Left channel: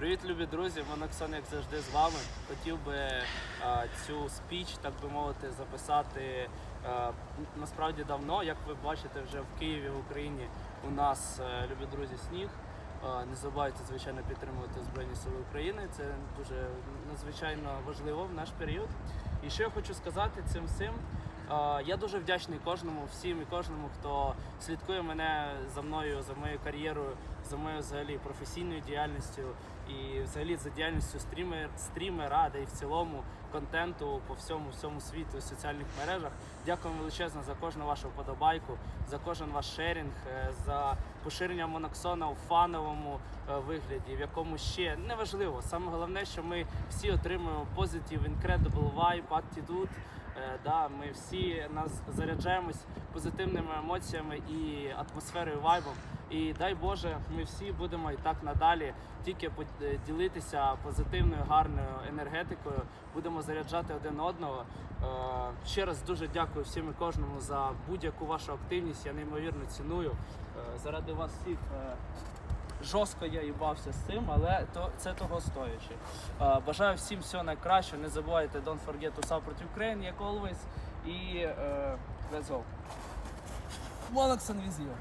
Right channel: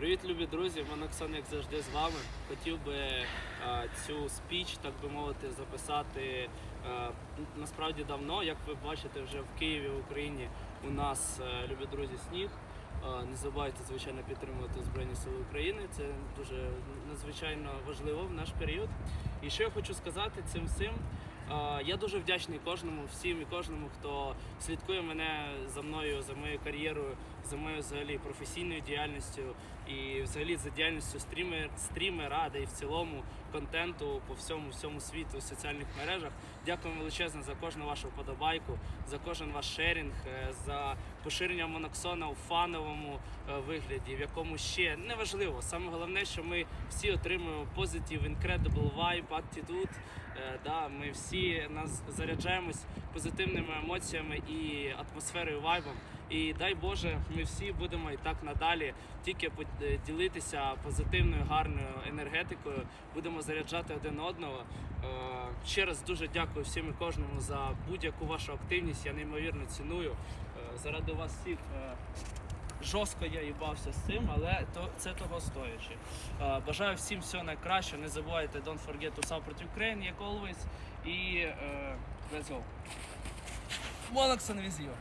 Привіт, любі друзі! Моноксон, як завжди, з вами. Хотів би е, цю спіч, так би мовити, записати е, насправді давно. Як ви бачите, вже в Києві, в Україні у нас, е, любі друзі, сніг. Е, Не забувайте, звичайно, підтримувати Збройні Сили України. Це дуже надзвичайно важливо в наш період. І що я хочу сказати цим всім. Я дуже вдячний кожному, всім і кожному, хто слідкує мене за мною, за моєю кар'єрою, за моєю взагалі професійною діяльністю і взагалі за діяльністю стрімер, стрімера, да і в цілому контенту по всьому всьому світу і соціальних мережах. Дякую величезно за кожну вашу вподобайку, за кожен ваш шерінг, е, за поширення Моноксона у фановому е, вигляді, в якому ще неважливо. Саме головне, що ми всі отримуємо позитив, incredible vibe, attitude. Е, Да, ми всі нас заряджаємось позитивними емоціями і атмосферою вайбом. І дай Боже, ми всі будемо і так надалі тільки е, ділитися позитивною, гарною енергетикою, будемо заряджати один одного. Е, Ще раз дуже дякую всім і кожному за будь-яку вашу активність. Я неймовірно ціную. Е, Заради вас всіх. Жорстко я їбався з цим, але то це того стоячи. Бажаю всім всього найкращого. Не забувайте don't forget to support Ukraine, як always. І е, let's go. Моноксон with you.